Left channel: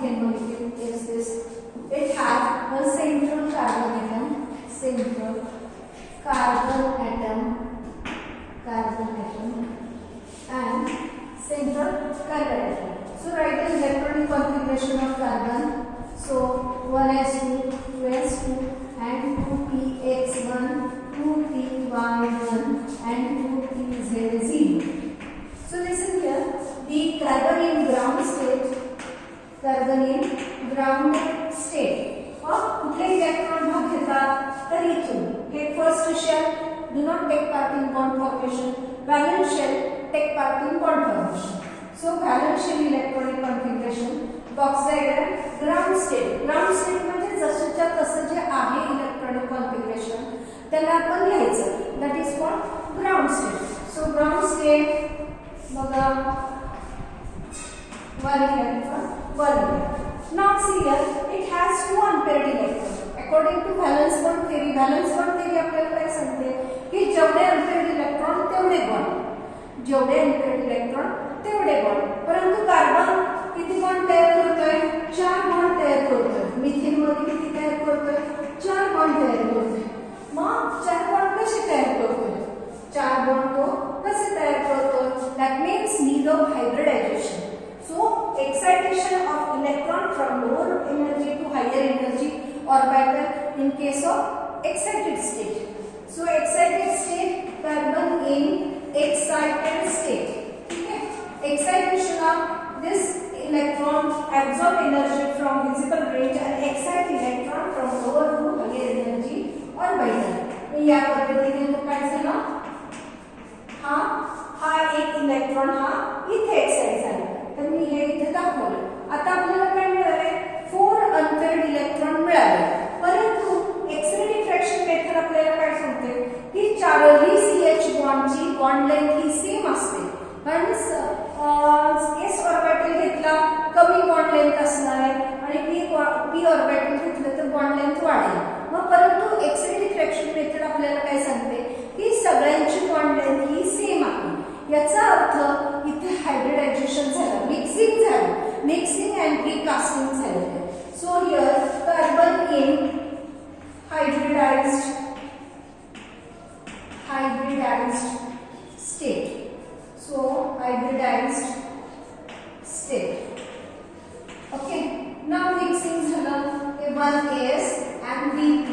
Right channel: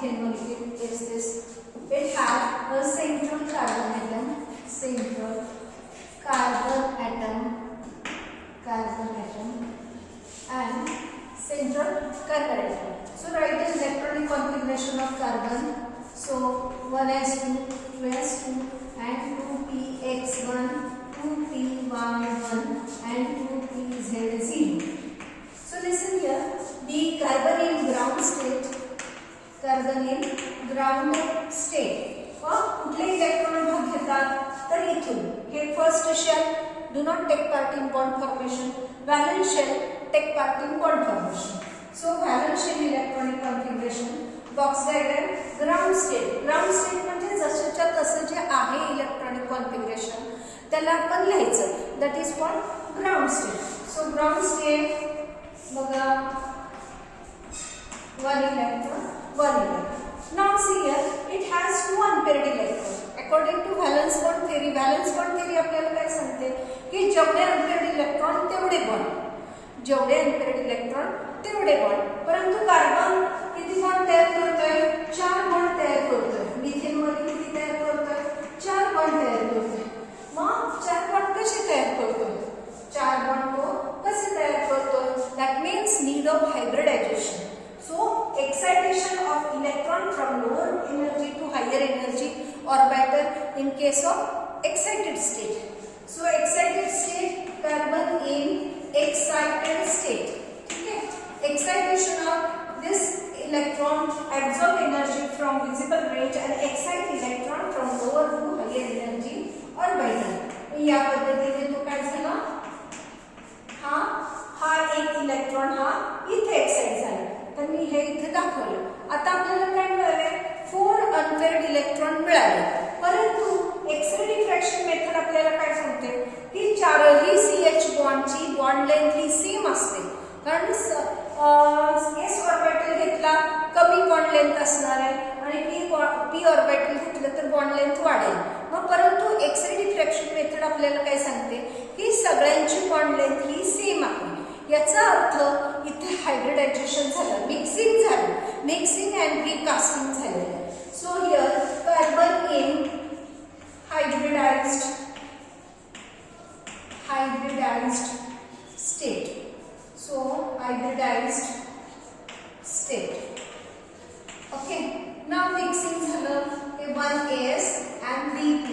ethane molecule is this. It has a central carbon atom, central carbon atom and central carbon atom. So write the electronic configuration of carbon. So 1s2, 2s2 and 2px1, 2py1 and 2pz0. So listen here, the carbon in ground state, कुठले electron भाग घेतात तर इथून हे first shell do not take part in bond formation, valence shell take part in bond formation. So valence shell electronic configuration, box diagram, ground state म्हणजे जसंच्या तसं जे आहे इलेक्ट्रॉनिक कॉन्फिगरेशन त्याला आपण लिहायचं, that is called ground state. So ground state बघा 1 electron, 1 electron. Now see here, it has 2 unpaired electrons. According to valence bond theory आपल्याला काय सांगते की जेवढे unpaired इलेक्ट्रॉन तेवढे बॉन्ड, जेवढे unpaired इलेक्ट्रॉन तेवढे बॉन्ड. परंतु कार्बन किती बॉन्ड तयार करतोय? 4 बॉन्ड तयार करतोय. मिथेन मध्ये किती तयार करतोय? 4 बॉन्ड तयार करतोय. मग 4 बॉन्ड कसे तयार करतोय? 4 बॉन्ड तो कसे तयार करतोय? That means need of hybridization. So excitation of electron from lower energy to higher energy orbital in case of excited state. So excited state, carbon in excited state. Okay. Excitation of this electron absorb energy from visible range and excite electron from lower to higher energy orbital. या पद्धतीने तो काय झाला? हा एक electron हा इथे excite झाला. तर मी हे इथे दाखवलं. आता आपल्याला काय मिळाले? 4 अनपेअर्ड इलेक्ट्रॉन मिळाले. परंतु एक्स-रे डिफ्रॅक्शन मेथड आपल्याला काय सांगते की चारही CH बॉन्डची बॉन्ड लेंथ ही सेम असते. कारण s ऑर्बिटल घेतला कमी बॉन्ड लेंथ असणार आहे आणि p ऑर्बिटल घेतलं तर बॉन्ड लेंथ वाढेल. मग परंतु एक्स-रे डिफ्रॅक्शन मेथड आपल्याला काय सांगते की सगळ्यांची बॉन्ड लेंथ ही सेम आहे. याचा अर्थ इथे हायब्रिडायझेशन झालं, मिक्सिंग अँड रिकास्टिंग झालं. So here carbon in hybridised state. So hybridised state. Okay. Now mixing झालं ते 1s and 3p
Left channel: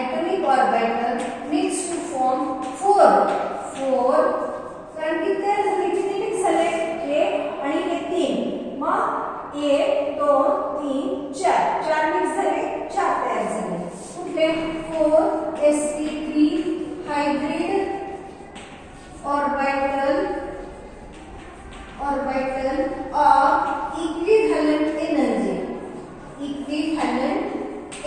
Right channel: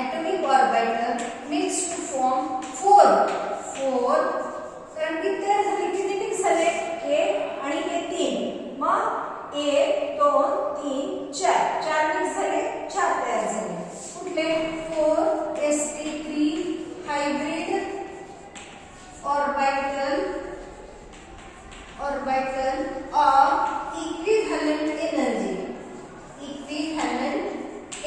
atomic orbital mix to form 4 कारण की तयार झाले किती मिक्स झाले? हे आणि हे 3. मग 1 2 3 4 मिक्स झाले, 4 तयार झाले. कुठले? 4sp3 hybrid orbital of equivalent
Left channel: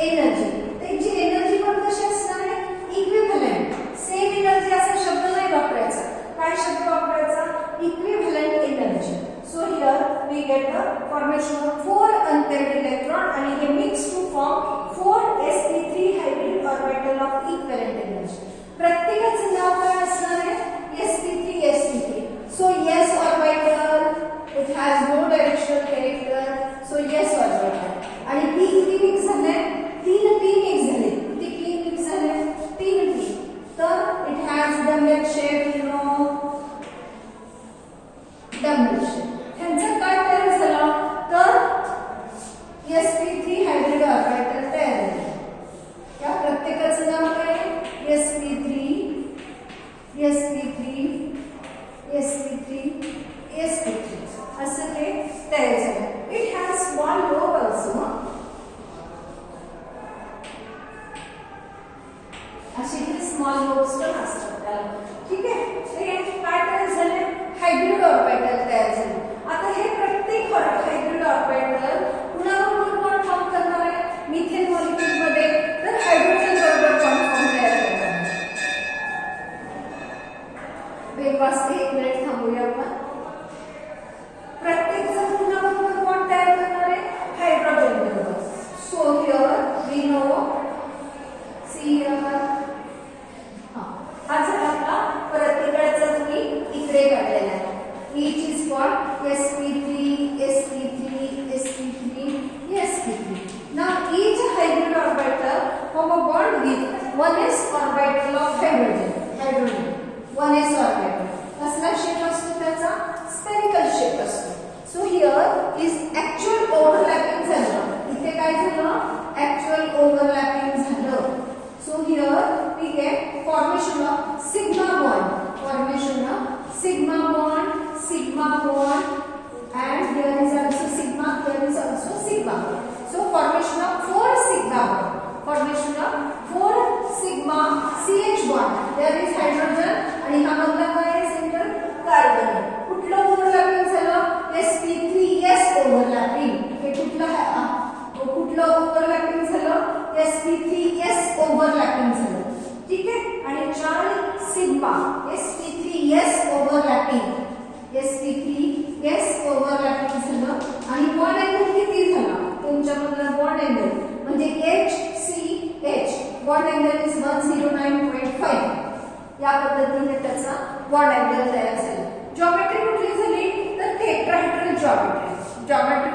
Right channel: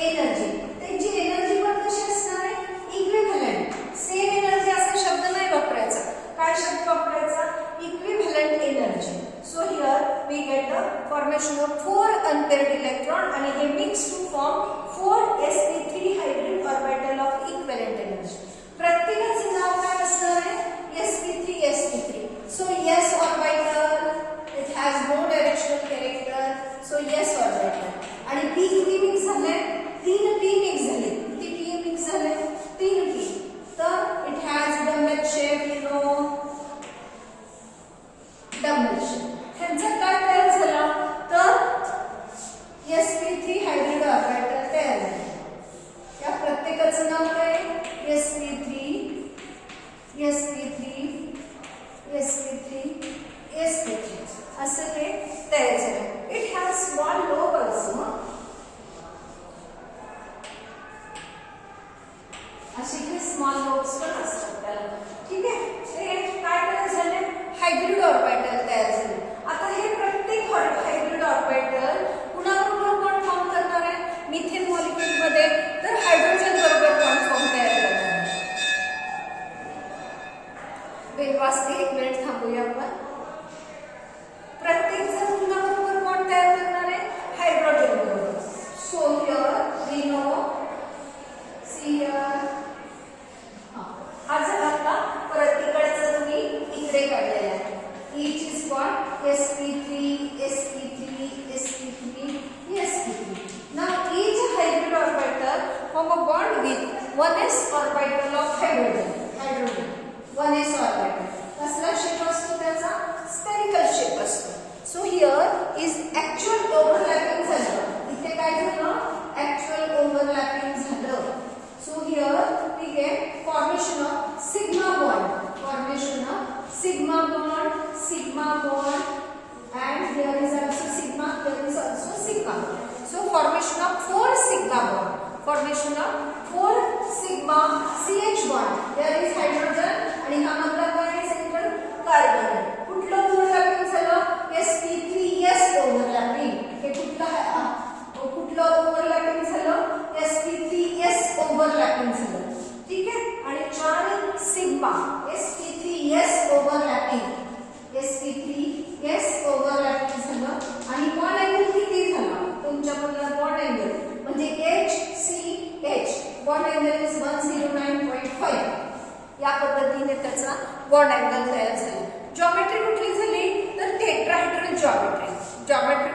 energy. त्यांची एनर्जी पण कशी असणार आहे? इक्विव्हॅलेंट. सेम एनर्जी असा शब्द नाही वापरायचा. काय शब्द वापरायचा? Equivalent energy. So here we get the formation of 4 unpaired electron आणि हे mix to form 4sp3 hybrid orbital of equivalent energy. प्रत्येकाचे नाव काय असणार आहे? sp3. So s orbital it has no directional character. So s orbital आणि p किती mix झाले? 3p मिक्स झाले. किती p मिक्स झाले? 3p. तर it has double shape, you know, double shape. ह्यांचा काय तयार झाला? तर sp3 हायब्रिड ऑर्बिटल तयार झाले. या प्रत्येकाचं नाव काय? sp3 असं ते तयार झालं.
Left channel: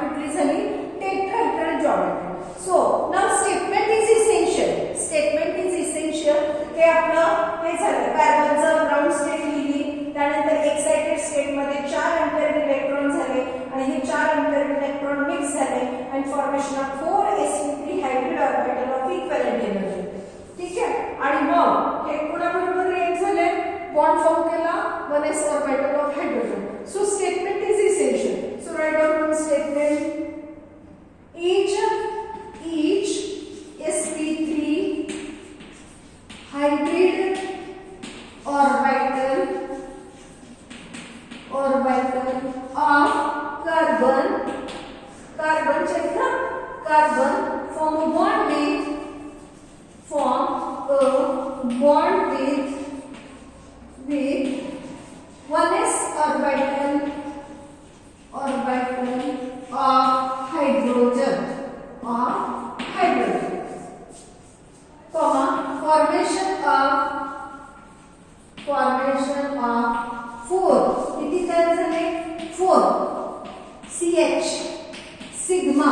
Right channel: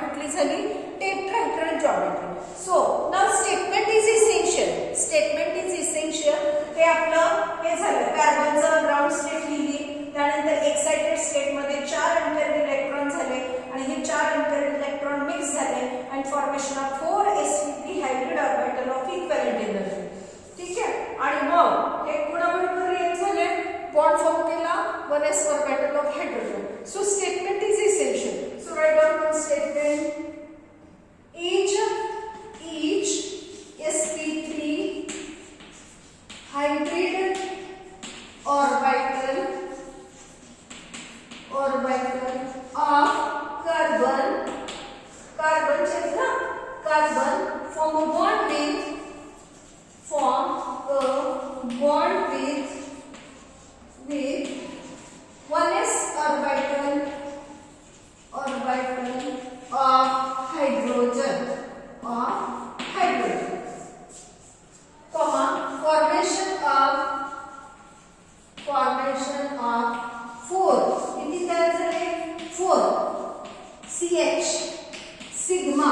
कुठली झाली tetrahedral geometry. So now statement is essential. Statement is essential हे आपलं हे झालं कार्बनचं ग्राउंड स्टेट लिहिली. त्यानंतर एक्साइटेड स्टेट मध्ये 4 अनपेअर्ड इलेक्ट्रॉन झाले आणि हे 4 अनपेअर्ड इलेक्ट्रॉन मिक्स झाले and formation of 4 sp3 hybrid orbital of equivalent energy. ठीक आहे. आणि मग हे कोणाबरोबर रिएक्ट झाले बॉन्ड फॉर्म केला 1s orbital of hydrogen. So statement is essential. So write down one statement. each sp3 hybrid orbital of carbon check na carbon form a bond with 1s orbital of hydrogen comma formation of 4 किती तयार झाले 4 CH sigma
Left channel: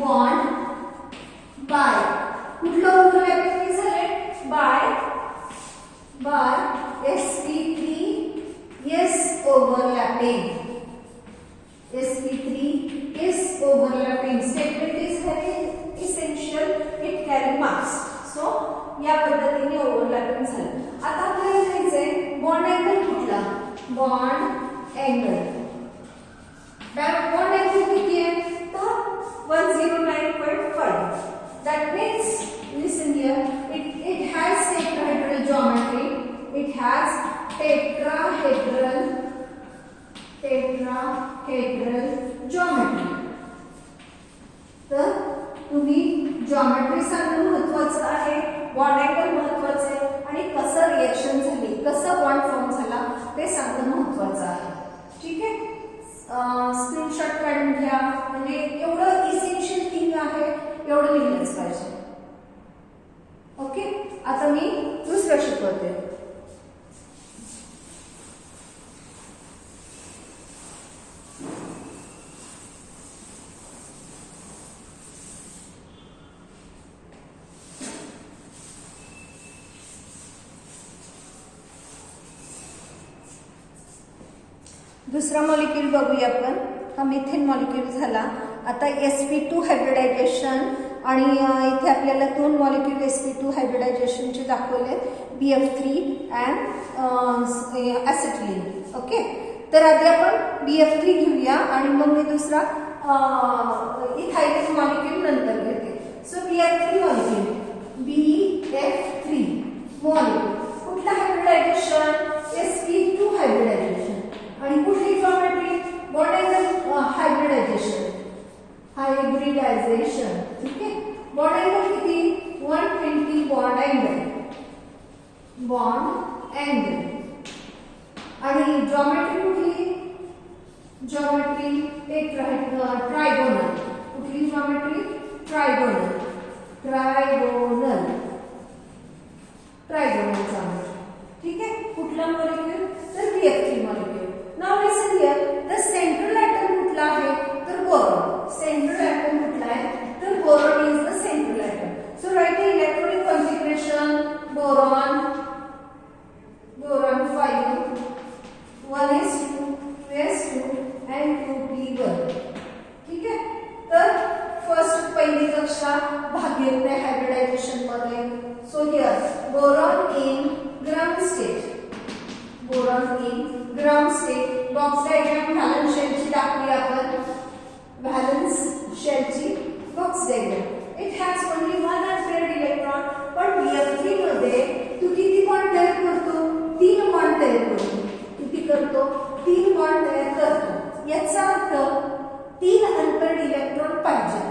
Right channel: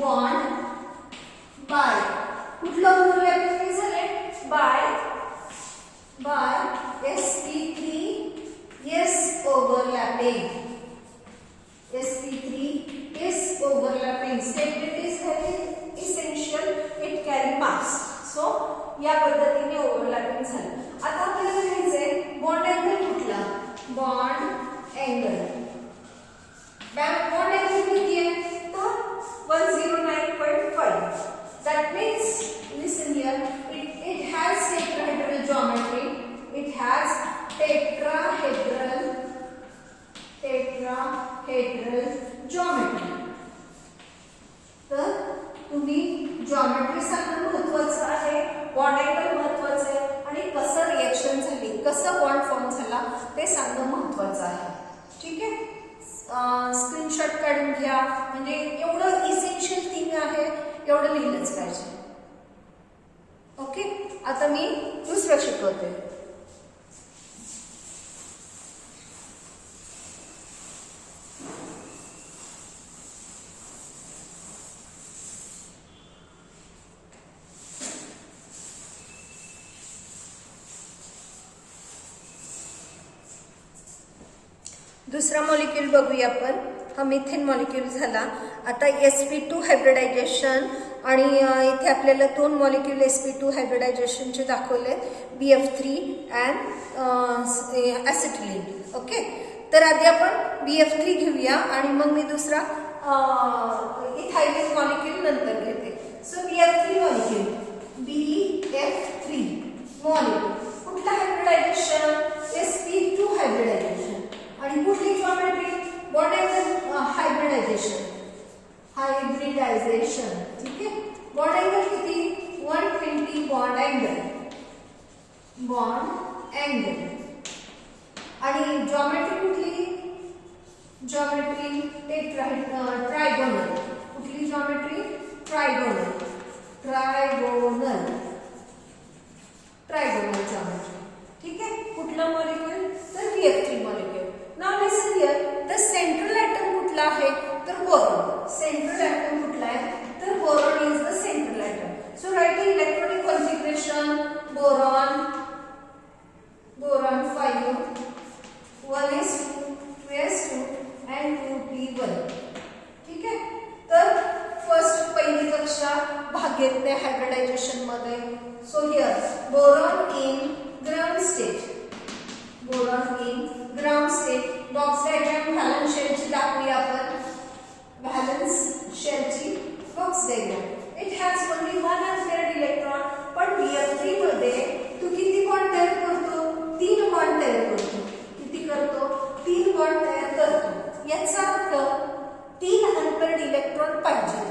bond by कुठलं overlapping झाले by sp3 is overlapping. sp3 is overlapping. Statement is very essential. It carry marks. So या पद्धतीने overlapping झालं. आता आपल्याला लिहायचंय बॉन्ड अँगल कुठला बॉन्ड अँगल किती आहे तर 109.5. That means listen here, it has tetrahedral geometry. It has tetrahedral geometry. तर तुम्ही जॉमेट्री सांगणं महत्त्वाचं आहे, बॉन्ड अँगल महत्त्वाचं आहे आणि कसं रिएक्शन झाली कसं बॉन्ड फॉर्म झाला ते सांगणं महत्त्वाचं आहे. ठीक आहे. स्क्रीनशॉट काढून घ्या. म्हणजे एवढं इसेन्शियल थिंग आहे एवढं लिहिलंच पाहिजे. ओके. आता मी दुसरं शिकवते. दुसरा मॉलिक्यूल बघूया आपण. हा मिथेन मॉलिक्यूल झाला. आता sp2 हायब्रिडायझेशन आणि इथे आपल्याला 2 मॉलिक्यूल sp2 हायब्रिडायझेशनचे दाखवले BF3 अँड ॲसिटिलीन. ओके. तर आधी आपण BF3 घेऊया आणि मग मी दुसरा इथायलिन मॉलिक्यूल नंतर घेते. सो BF3 मॉलिक्यूल कुठला हायब्रिडायझेशन sp2 हायब्रिडायझेशन आणि कुठली जॉमेट्री बॉन्ड अँगल हायब्रिडायझेशन. ठीक आहे. बॉन्ड अँगल किती 120 बॉन्ड अँगल आणि जॉमेट्री कुठली जॉमेट्री ट्रायगोनल. कुठली जॉमेट्री ट्रायगोनल जॉमेट्री. ठीक आहे. कुठला मॉलिक्यूल तर BF3 molecule. Now listen here the central atom कुठला आहे तर बोरॉन. सेंट्रल एटम कुठला आहे तर boron is the central atom. So right the electronic configuration boron 5 1s2 2s2 and 2p1. ठीक आहे. तर फर्स्ट पहिली कक्षा भाग घेतले हायब्रिडायझेशन मध्ये. So here boron in ground state box diagram valence शेलची दाखवली आपण. व्हॅलेन्स शेलची box diagram. It has only 1 unpaired electron. पण BF3 मध्ये तू किती बॉन्ड तयार करतो 3 बॉन्ड तयार करतो. किती करतो 3 बॉन्ड तयार करतो. याचा अर्थ 3 अनपेअर्ड इलेक्ट्रॉन पाहिजे.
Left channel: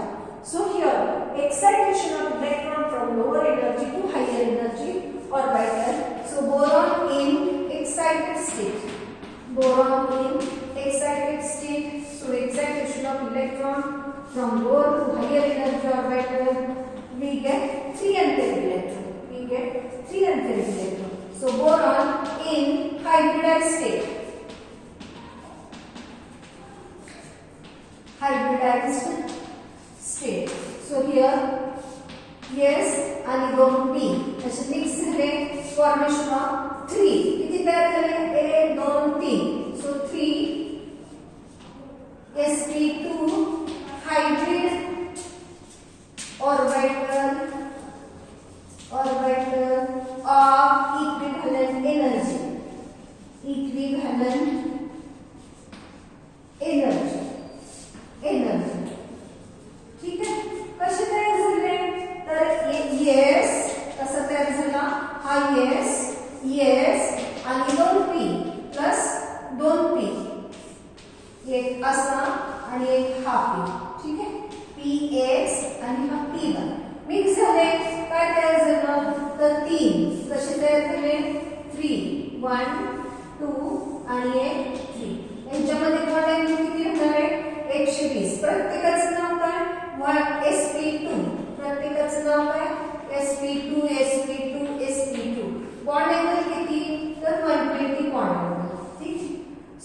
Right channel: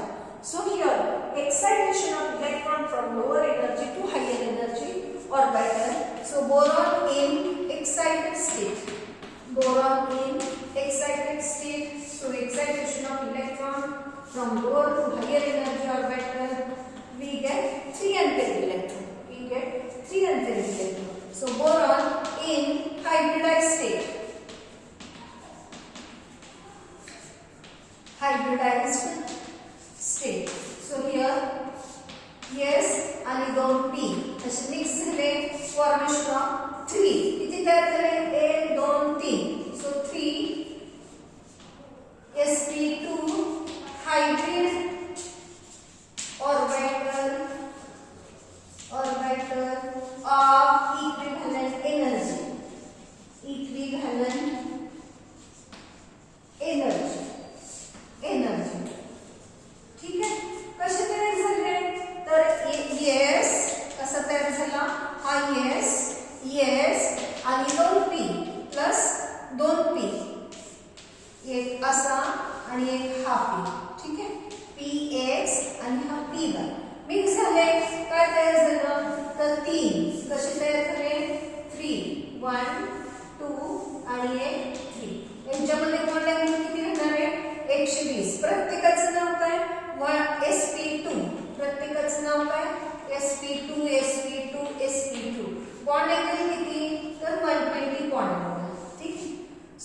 So here excitation of electron from lower energy to higher energy orbital. So boron in excited state. So excitation of electron from lower to higher energy orbital, we get 3 unpaired electron. So boron in hybridized state. hybridized state. So here S आणि 2 P असे mix झाले formation of 3. किती तयार झाले 1 2 3. So 3 sp2 hybrid orbital of equivalent energy. ठीक आहे. कसे तयार झाले तर S कसा तयार झाला हा S आणि 2P प्लस 2P एक असा आणि एक हा P. ठीक आहे Px आणि हा P1 मिक्स झाले काय तयार झालं तर 3 कसे तयार झाले 3 1 2 आणि एक 3. यांच्यामध्ये बॉन्ड अँगल किती होणार आहे 120. प्रत्येकाचं नाव काय sp2 प्रत्येकाचं नाव काय sp2 बॉन्ड अँगल किती तर 120 बॉन्ड अँगल. ठीक.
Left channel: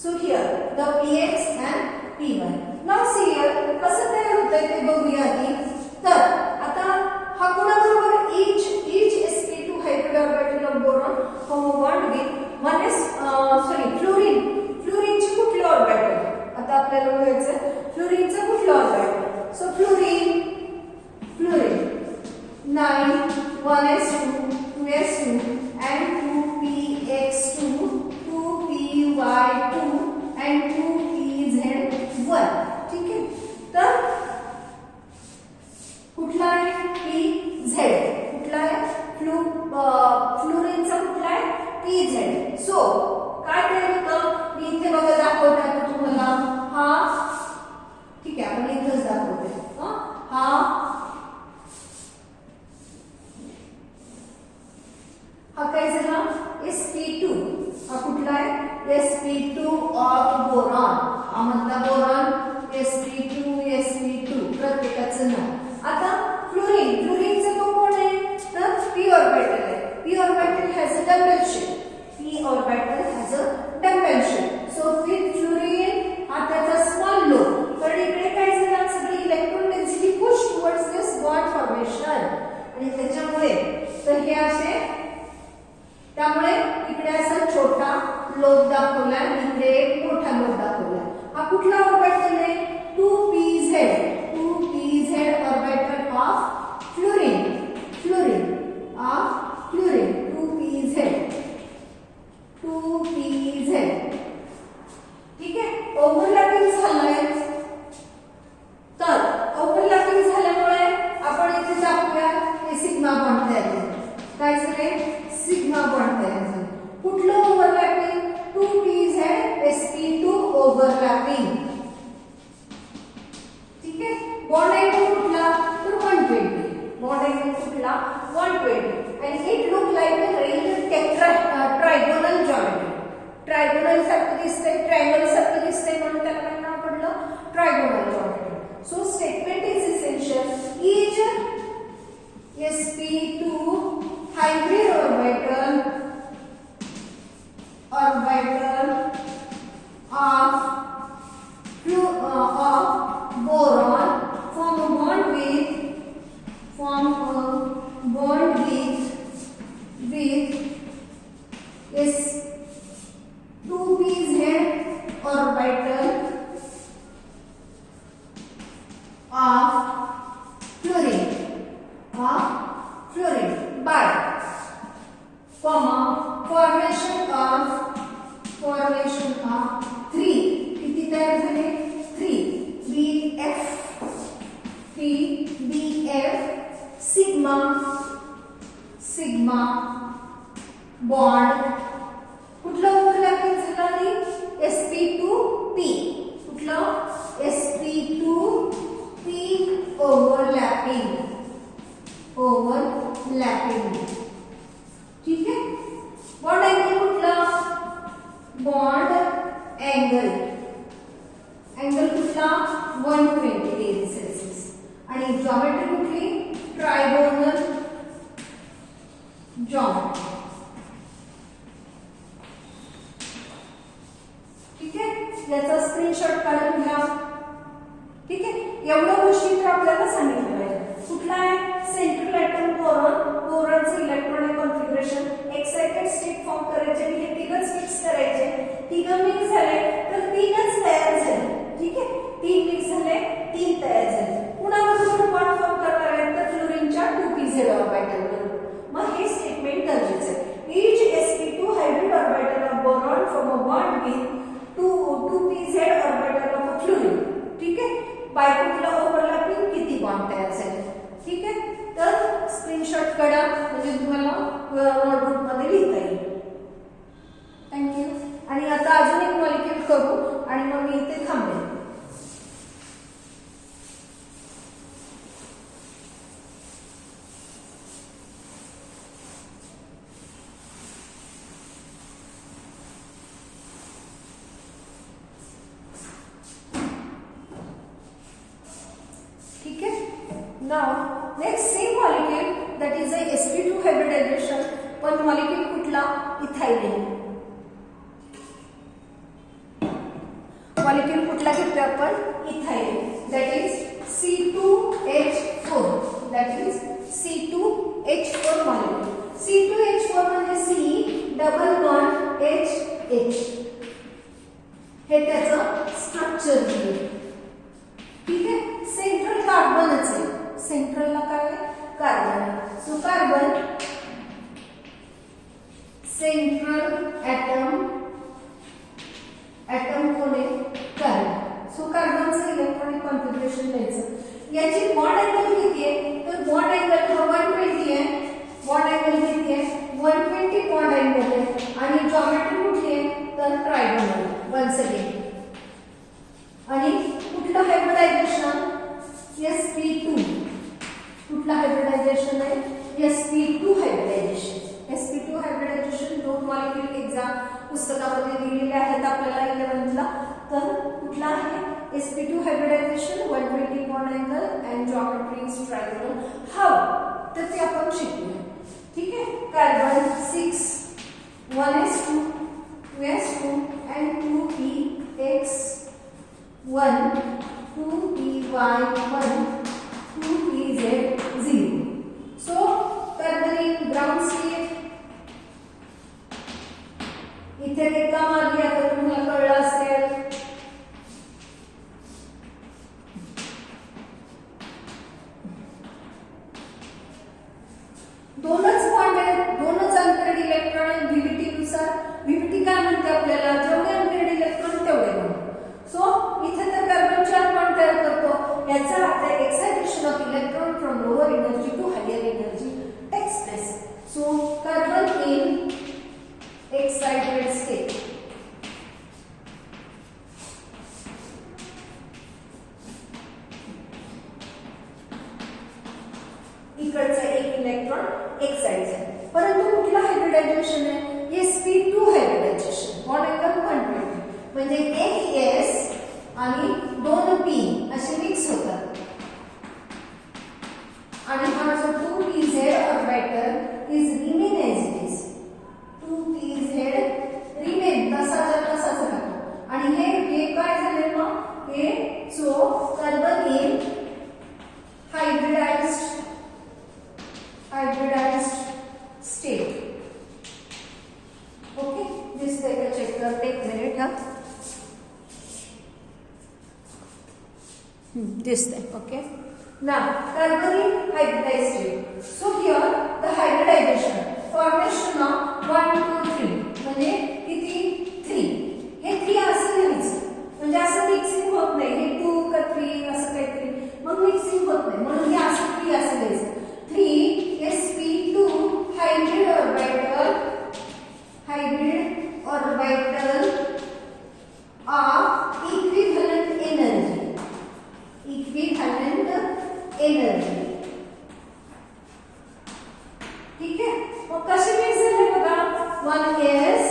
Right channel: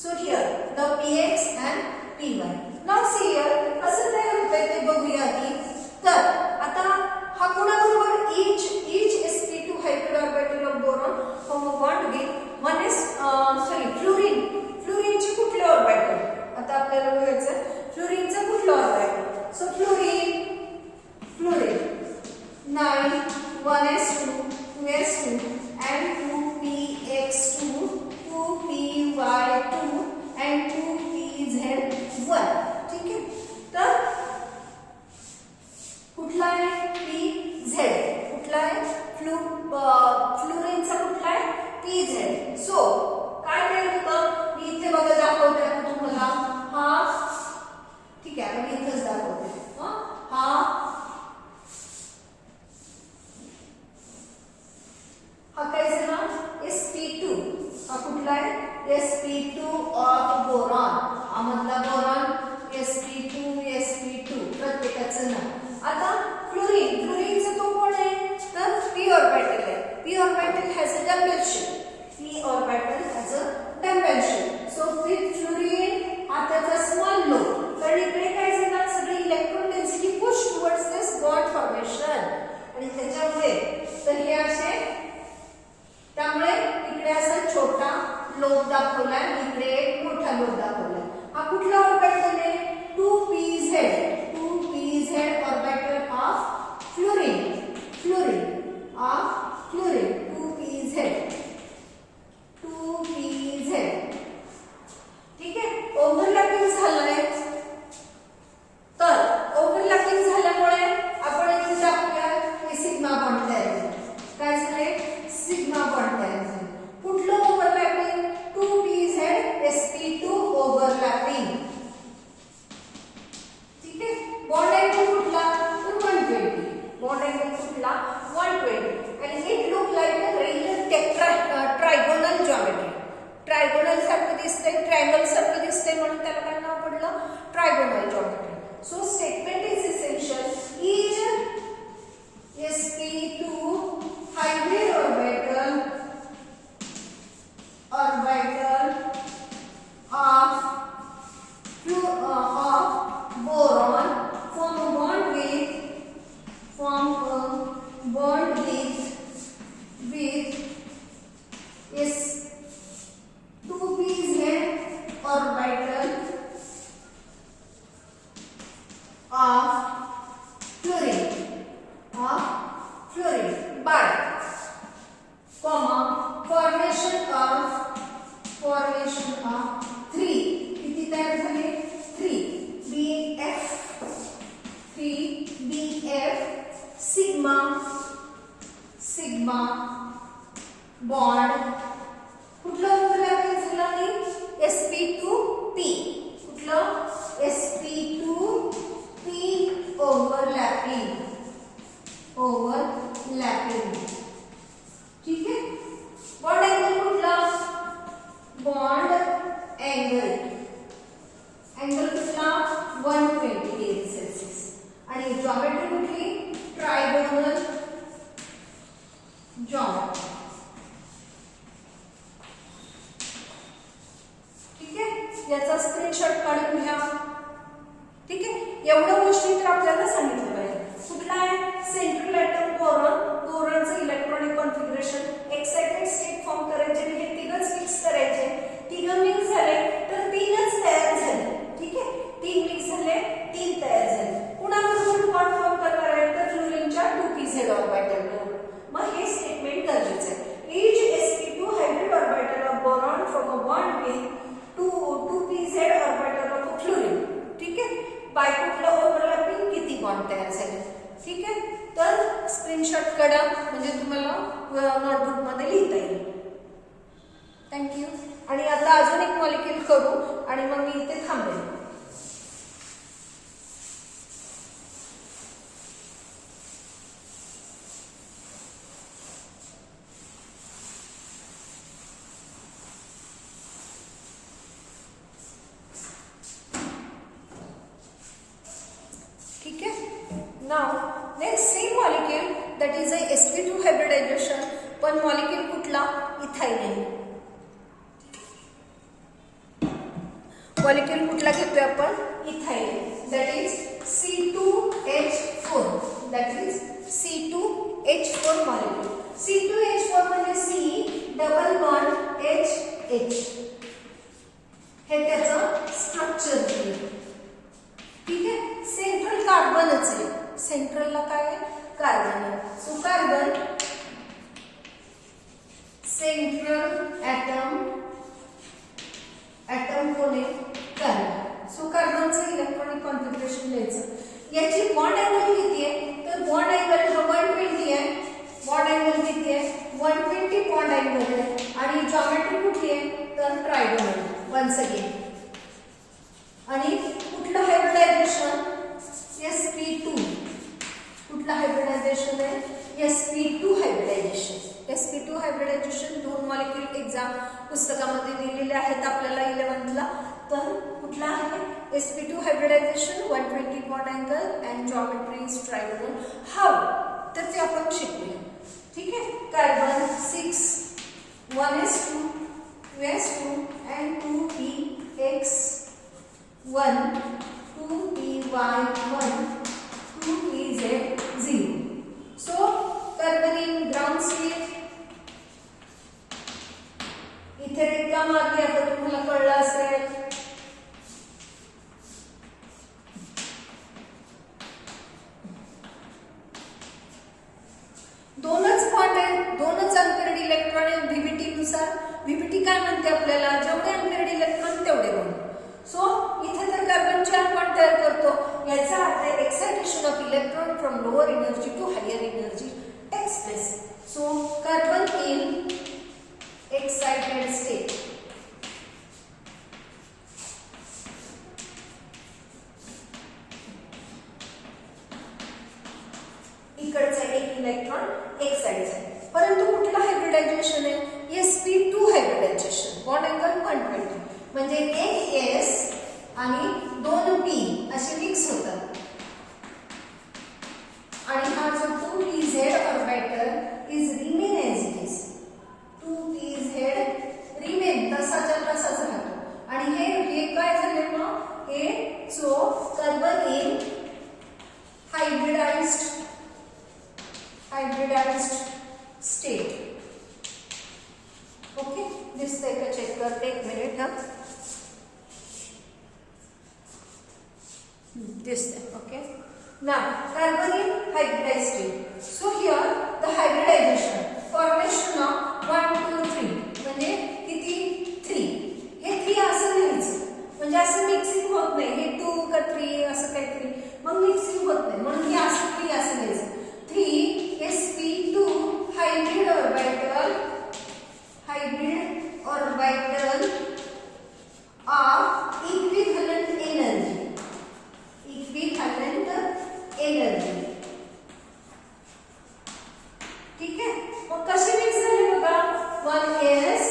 So here the px and p1. Now see here कसं तयार होतंय ते बघूया आधी. तर आता हा कोणाबरोबर each sp2 hybrid orbital of boron form a bond with फ्लोरीनचे कुठले ऑर्बिटल आता आपल्याला बघायचं फ्लोरीनचं कुठलं orbital. So fluorine 9 1s2 2s2 and 2px2 2py2 and 2pz1. ठीक आहे तर कुठला आहे pz कुठला आहे फ्लोरीनचा कुठला आहे pz. सो काय तयार होतं मी इथे बघा दाखवते तुम्हाला हा. ठीक आहे आपण इथेच दाखवते हा काय झाला sp2 हा कुठला आहे sp2 ऑफ बोरॉन. हा मधला बोरॉन sp2 प्रत्येकाचं नाव. आता फ्लोरीनचा तो कोण आहे तर p ऑर्बिटल आहे. p orbital has a double shape. So with fluorine हा त्याचा स्मॉल लोब. तर इकडे काय झालं सगळी इलेक्ट्रॉन डेन्सिटी पुश टुवर्ड्स दिस बॉन्ड फॉर्मेशन आणि त्याच्यामुळे तर हे असे त्यामुळे इकडे असा छोटा लोब दाखवलाय इकडे एक मोठा लोब दाखवलाय. हा कुठला ऑर्बिटल आहे 2pz orbital of fluorine 2pz. ठीक आहे ओव्हरलॅपिंग झालंय. तर ओव्हरलॅपिंग झाल्यामुळे आपण इथे दाखवूया हे सिग्मा बॉन्ड तयार झाले. काय झाले सिग्मा बॉन्ड तयार झाले. कुठलं ओव्हरलॅपिंग 2pz sp2 ओव्हरलॅपिंग. ठीक आहे बॉन्ड अँगल कुठला तर 120. बॉन्ड अँगल कुठला 120 आणि it look like a regular trigonal geometry. Trigonal सारखं दिसतंय ट्रायंगल सारखं दिसतंय म्हणून त्याला काय नाव पडलं trigonal geometry. So statement is essential is sp2 hybrid orbital of boron form a bond with s2pz orbital of fluorine by formation of 3 किती तयार झाले 3 bf sigma बॉन्ड कुठलं ओव्हरलॅपिंग झालं sp2p कुठलं sp2p ओव्हरलॅपिंग. ठीक आहे बॉन्ड अँगल कुठला bond angle कुठला 120 डिग्री सेल्सिअस आणि जॉमेट्री कुठली ट्रायगोनल जॉमेट्री. ठीक आहे याचा स्क्रीनशॉट काढून घ्या. ठीक एवढ्या गोष्टी तर आपल्याला सांगितलं पाहिजे. कुठला आहे सेंट्रल ॲटम बोरॉन. बोरॉनचं electronic configuration excited state form करायचे म्हणजे तिघच मिक्स करायचे. तिघं मिक्स झाले तर तीनच तयार झाले. ठीक आहे, तीन मिक्स झाले, तीन तयार झाले. कुणाबरोबर बॉन्ड फॉर्म करणार आहे तर फ्लोरीनच्या 2pz ऑर्बिटल बरोबर. मग हे स्टेटमेंट गरजेचं आहे. Each sp2 hybrid orbital of boron from a bond with 2pz orbital of a fluorine. ठीक आहे, बाय कुठला ओव्हरलॅपिंग किती बॉन्ड तयार झाले. ठीक आहे, तर स्क्रीनशॉट काढा म्हणजे तुम्हाला नोटबुक मध्ये लिहिता येईल. थँक्यू. आणि आता अजून एक मॉलिक्यूल करू आणि मग मी इथे थांबेन. Now, next same molecule that is a sp2 hybridization. पण molecule कुठला इथाइलिन. molecule कुठला घेतोय आपण ethylene. that is C2H4. that is C2H4 molecule. C2H4 म्हणजे C डबल बॉन्ड H. हे त्याचं स्ट्रक्चर आहे. ठीक आहे, सेंट्रल कार्बनच आहे. सेंट्रलला काय आहे carbon. So carbon central atom कोण आहे कार्बन. सो कार्बनचं इलेक्ट्रॉनिक कॉन्फिगरेशन द्यायचं. याची बॉन्ड अँगल किती आहे तर बॉन्ड अँगल हा 120 आहे. बॉन्ड अँगल किती आहे 120 बॉन्ड अँगल आहे. आणि जॉमेट्री कुठली आहे तर ट्रायगोनल वन्स अगेन. आणि कुठलं हायब्रिडायझेशन sp2. कुठला हायब्रिडायझेशन आहे sp2 हायब्रिडायझेशन. sp2 हायब्रिडायझेशन दोन मॉलिक्यूल एक्झाम पुस्तकामध्ये दिलेले आहेत आपल्याला 11th ला. तर कुठला आहे sp2 hybridisation 120 bond angle and geometry is trigonal. How तर ते आपण शिकूया. ठीक आहे, carbon 6 1s2 2s2 and 2px1 2py1 2pz0. So कार्बनिक ग्राउंड स्टेट इथे रेखा मारली. आता तुम्हाला कळलं असेल. दोनच बॉन्ड आहेत, दोनच अनपेअर्ड इलेक्ट्रॉन. व्हीबीटी नुसार व्हीबीटी काय म्हणते आपल्याला जेवढे अनपेअर्ड इलेक्ट्रॉन तेवढे बॉन्ड. सो इथे तर कार्बन 4 बॉन्ड तयार करतो. याचा अर्थ excitation of electron from lower energy to higher energy takes place. So carbon in excited state. इकडचा एक इलेक्ट्रॉन एक्साइट आहे. परंतु कुठला हायब्रिडायझेशन आहे sp2 हायब्रिडायझेशन. बॉन्ड अँगल 120 म्हणजे एक s आणि 2p असे मिक्स होतात. आणि हा जो 2pz orbital is remain as it is. 2pz remain तसाच्या तसाच राहतो. आणि हे काय झाले मग हे जो carbon in hybridised state. Okay, दिसतंय का चेक करते एक मिनिट. हा दिसतंय. Okay, now carbon in hybridized state. So here the hybridization formation of 1 2 3 म्हणजे किती 3. हे 3 असं लिहायचं म्हणजे असं मिक्सिंग होत नाही. हे 2 का 3 असं काहीतरी मग मिक्सिंग होत नाही म्हणून हे असं 3 असं लिहायचं. 3 sp2 hybrid orbital of equivalent energy. ठीक आहे, मग कसे मिक्स झाले बघा. 1s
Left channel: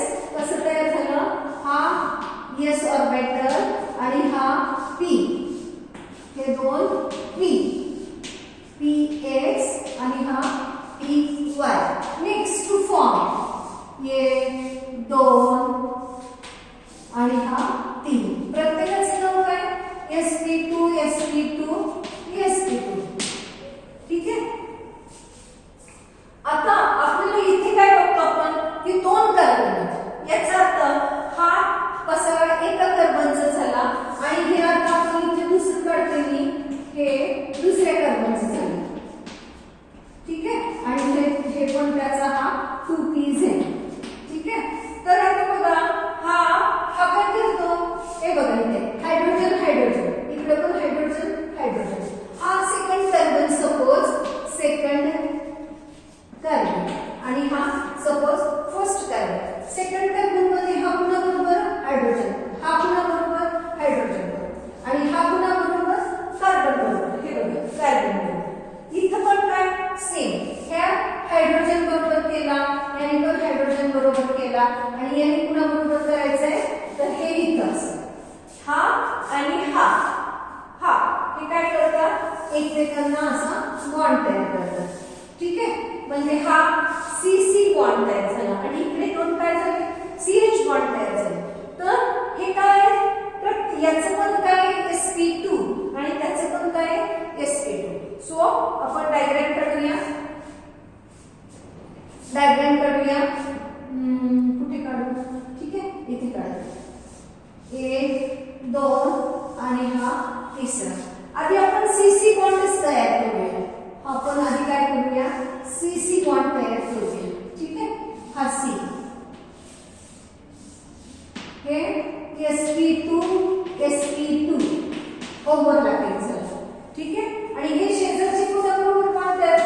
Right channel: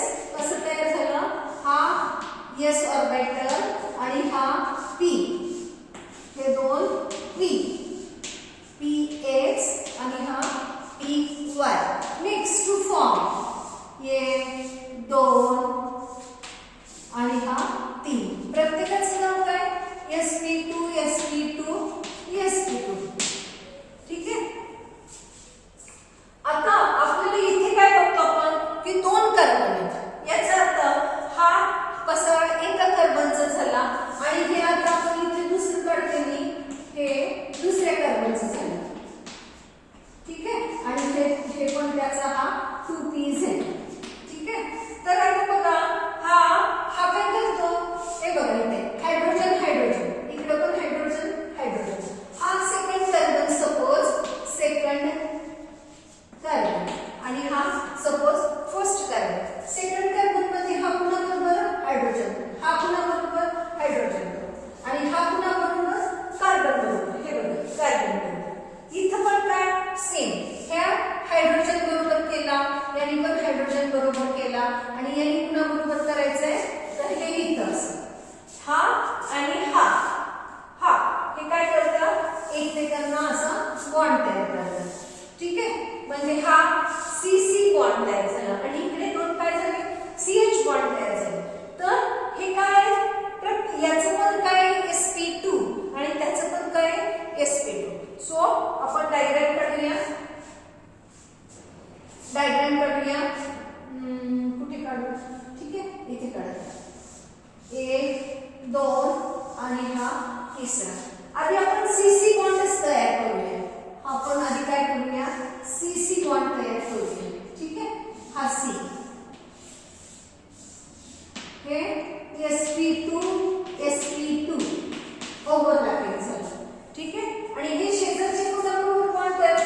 हे त्यांना असा बॉन्ड तयार करतात. ठीक आहे, म्हणजे हा CC बॉन्ड तयार झाला आणि इकडे दोन काय झाले, CH बॉन्ड तयार झाले. तर हे काय, तर याचं पण काय sp2 आणि त्याचं पण काय sp2. सो आपण डायग्राम काढूया. कुठे काढू, ठीक आहे इथे काढू. 1 2 आणि हा तिसरा. आधी आपण CC बॉन्डच तयार करूया. आपण आधी काय करूया, CC बॉन्ड तयार करूया. ठीक आहे, हा C, हे sp2 ओव्हरलॅपिंग झालं. ठीक आहे, आणि हे शेजारचे कोणाबरोबर बॉन्ड तयार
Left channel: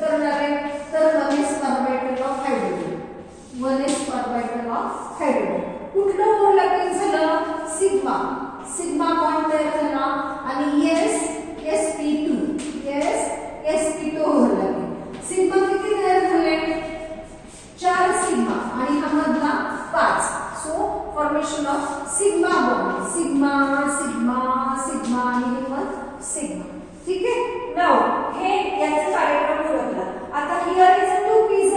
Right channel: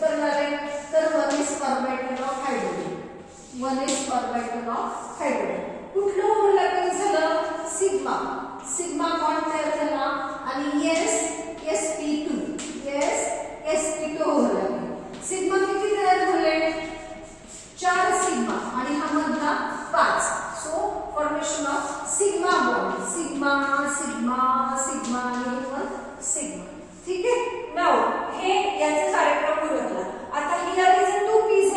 करणार आहे, तर 1s orbital of hydrogen. 1s orbital of hydrogen. कुठलं ओव्हरलॅपिंग झालं, सिग्मा बॉन्ड तयार झाला आणि sp2 ओव्हरलॅपिंग. सिग्मा किती तयार झाले, 4 सिग्मा आणि हा मधला 5. So formation of sigma bond, sigma आणि हे पण सिग्मा. ठीक आहे, नाउ हे याचा डायग्राम ओळखला. आता here is a 2pz,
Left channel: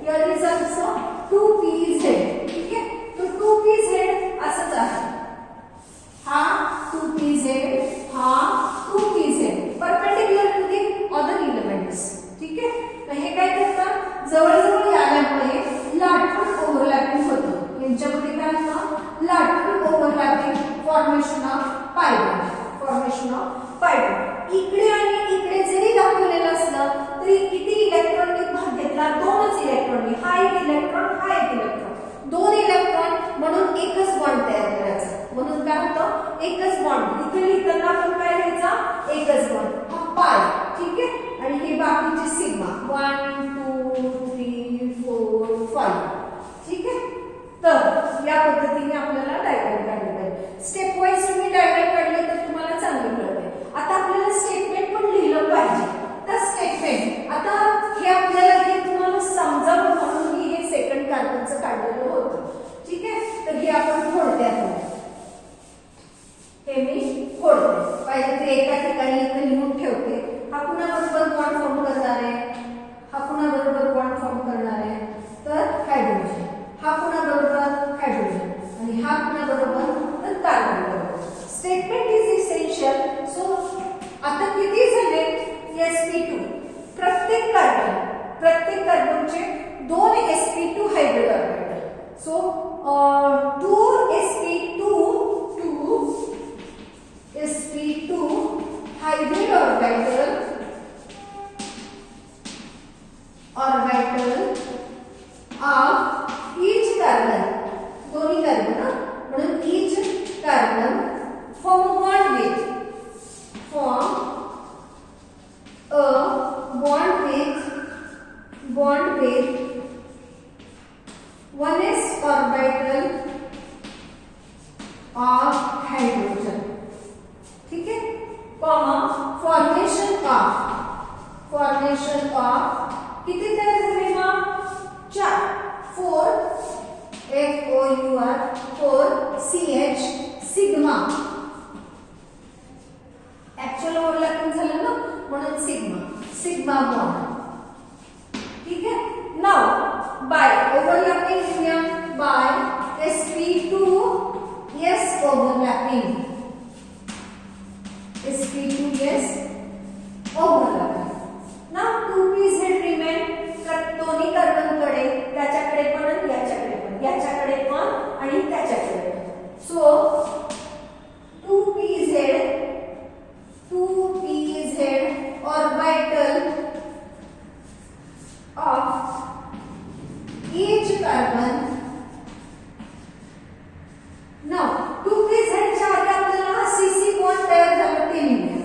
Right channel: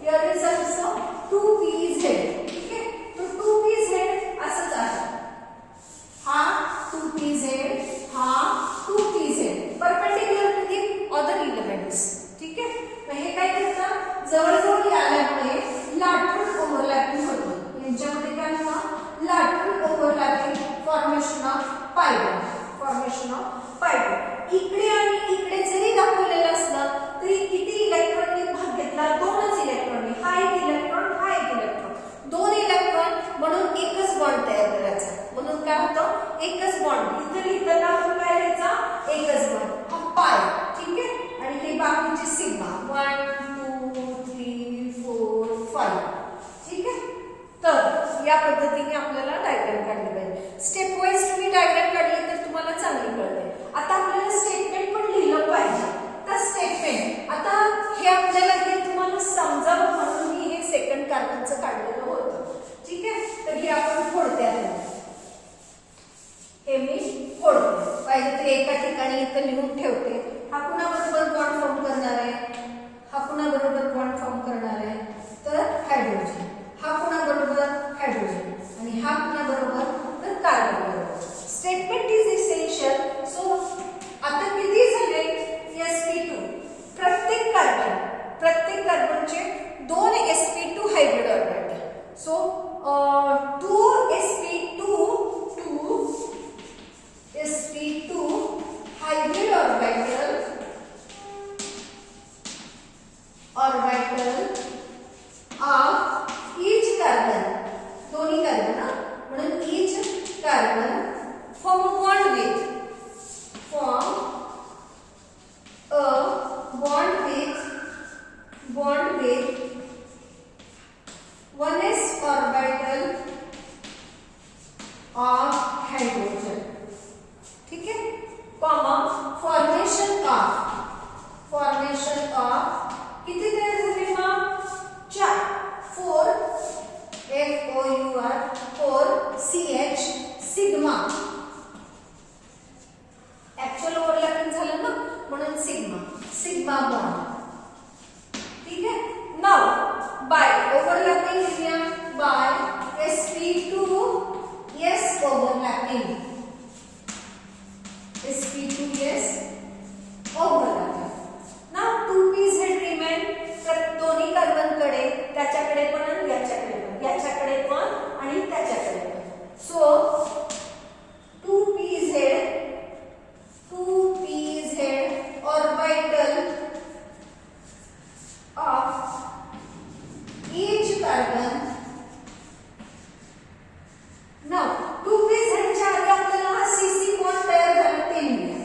here is also 2pz. ठीक आहे, तो 2pz असंच आहे. हा 2pz, हा 2pz perpendicular to the other elements. ठीक आहे, मग हे काय करतात, जवळजवळ आल्यामुळे लॅटरल ओव्हरलॅपिंग होतं. यांच्यामध्ये काय होतं, lateral overlapping, formation of pi bond. इकडे आणि इकडे जरी दाखवलेलं असलं तरी किती इलेक्ट्रॉननी भाग घेतला, 2च इलेक्ट्रॉननी. हा एक इलेक्ट्रॉन, हा एक इलेक्ट्रॉन, 2 इलेक्ट्रॉन म्हणून एकच बॉन्ड तयार करायचा. म्हणून काय होतं, एकच बॉन्ड. इथे लिहिताना आपण काय लिहायचा, एकच बॉन्ड, हा पाय. ठीक आहे, आणि हे बाकीचे सिग्मा 1 2 3 4 5. ठीक आहे, तर या पद्धतीने आपल्याला डायग्राम काढले पाहिजे. स्टेप वाईज तुम्ही डायग्राम काढले तर तुम्हाला चांगलं कळते. आता आपल्याला स्टेटमेंट पण लिहिलं पाहिजे. तर स्टेटमेंट, आता हे आपल्याला हे तुम्हाला समजावं म्हणून मी हे सेकंड कार्बनचं काढलेलं होतं. ठीक आहे, तर हे आपण थोडक्यात हे मी फोडते. पाहिजे तर एका ठिकाणी इथे लिहून ठेवते. हा कुणाबरोबर बॉन्ड फॉर्म करणार आहे, हा कुणाबरोबर बॉन्ड फॉर्म करणार आहे, तर हायड्रोजन. हा कुणाबरोबर, हायड्रोजन. आणि हा कुणाबरोबर, तर कार्बन बरोबर. Statement is essential. सो आता किती झाले, sp2. प्रत्येक कार्बनचे 2 sp2 hydrogen orbital. So 2 sp2 hydrogen orbital of each carbon. दोन्ही कार्बन ना, म्हणून each carbon form a bond with 1s orbital of hydrogen. ठीक है, कॉमा फॉर्मेशन ऑफ किती तयार झाले मग, 4 4 FOUR 4 CH sigma. Actual overlapping झालं ना, म्हणून सिग्मा बॉन्ड. ठीक आहे, नाउ बाय ओव्हरलॅपिंग लिहूया. By sp2 yes overlapping, sp2 yes overlapping. now 2pz remain. तर दोन्ही कार्बनकडे, त्याच्याकडे पण आणि याच्याकडे पण आणि त्याच्याकडे पण. So 2pz orbital of each carbon. now 2pz च्या आधी आपल्याला हा CC बॉन्ड तयार झाला ते लिहूया.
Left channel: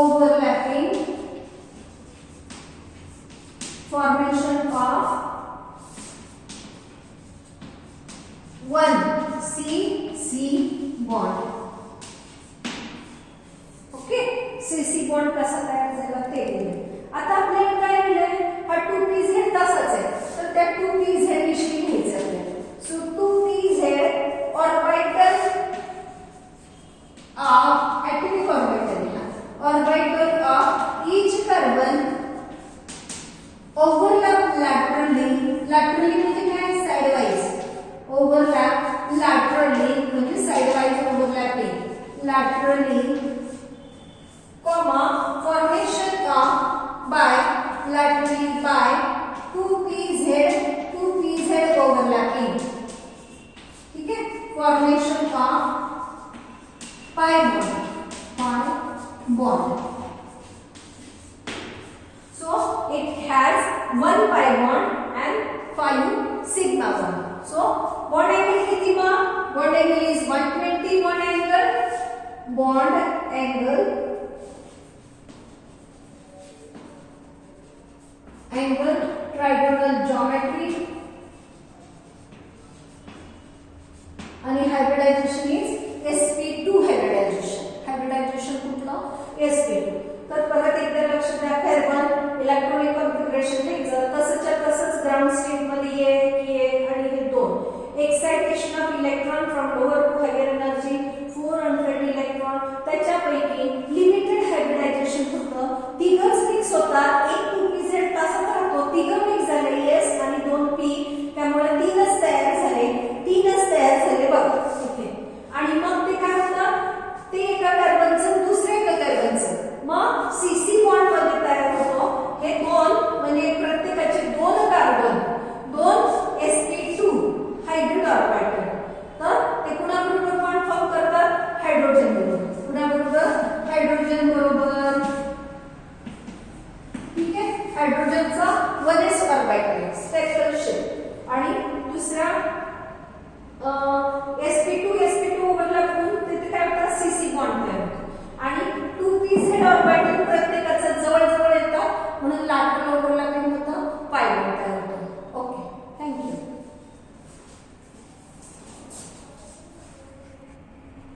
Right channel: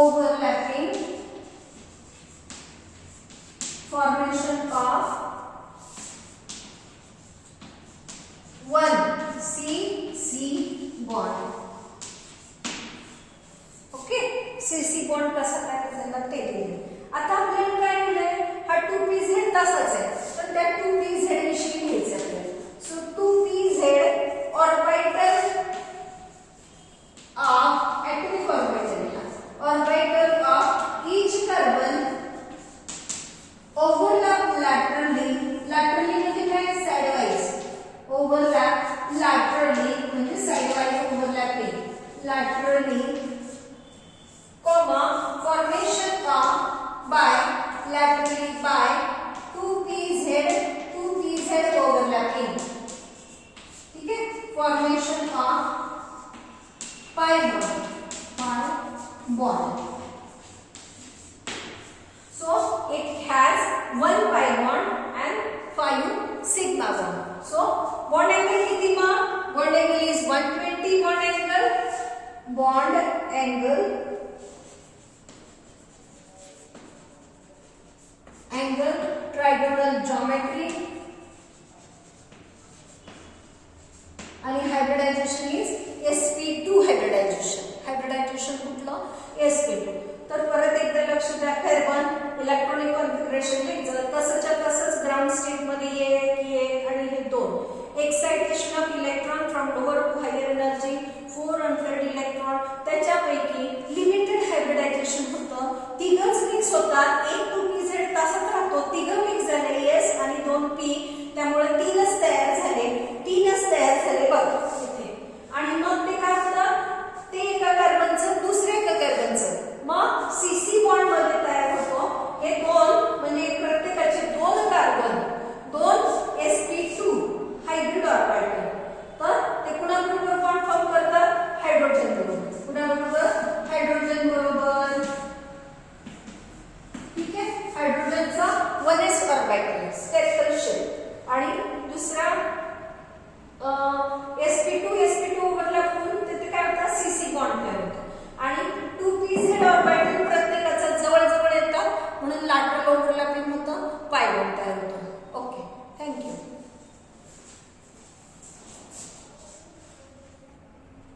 overlapping formation of one CC bond. Okay, CC bond कसा तयार झाला ते दिले. आता आपल्याला काय दिलंय, हा 2pz तसाच आहे, पण त्या 2pz विषयी घ्यायचं आहे. So 2pz orbital of atomic orbital of each carbon overlap laterally म्हणजे काय, sideways, overlap laterally म्हणजे sideways overlapping laterally, comma formation of bilaterally by 2pz overlapping. ठीक है, formation of pi bond. So it has one pi bond and 5 sigma bond. So bond angle किती मग, bond angle is 120 bond angle trigonal geometry